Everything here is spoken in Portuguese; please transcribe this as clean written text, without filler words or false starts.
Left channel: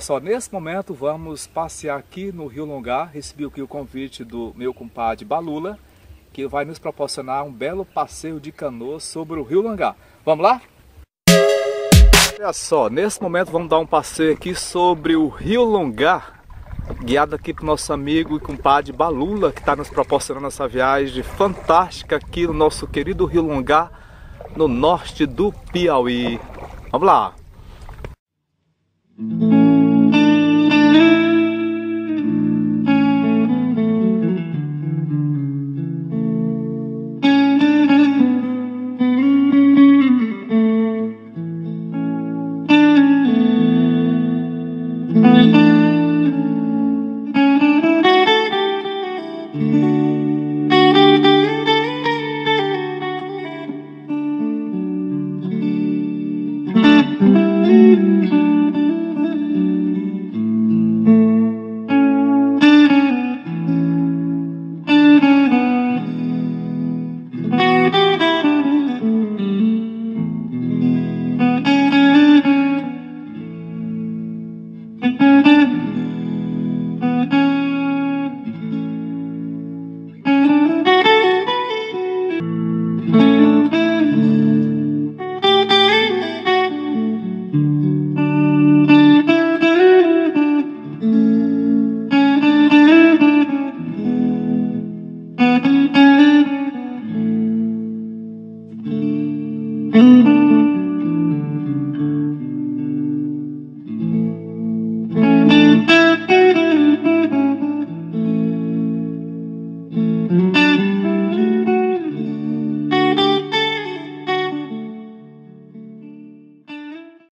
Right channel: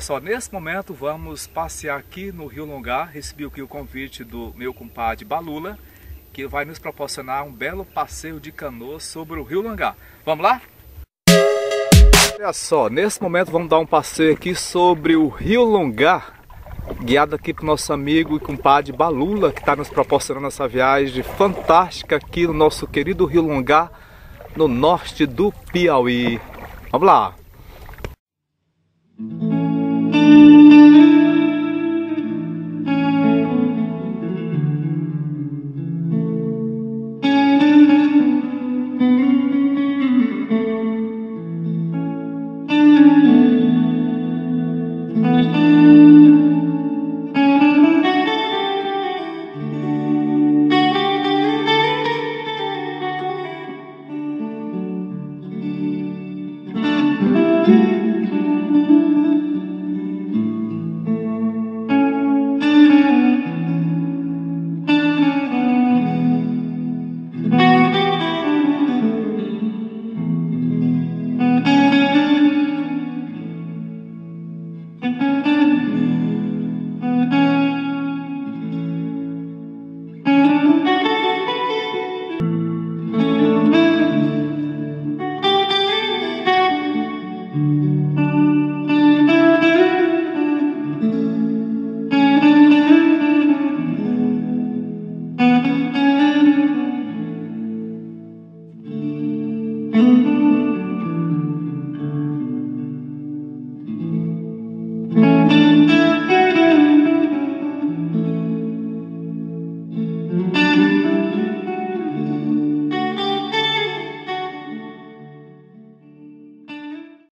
Olha só, nesse momento vamos passear aqui no Rio Longá. Recebi aqui o convite do meu compadre Balula, que vai nos proporcionar um belo passeio de canoa sobre o Rio Longá. Vamos lá? Olha só, nesse momento vamos dar um passeio aqui sobre o Rio Longá, guiado aqui para o nosso amigo e compadre Balula, que está nos proporcionando essa viagem fantástica aqui no nosso querido Rio Longá, no norte do Piauí. Vamos lá!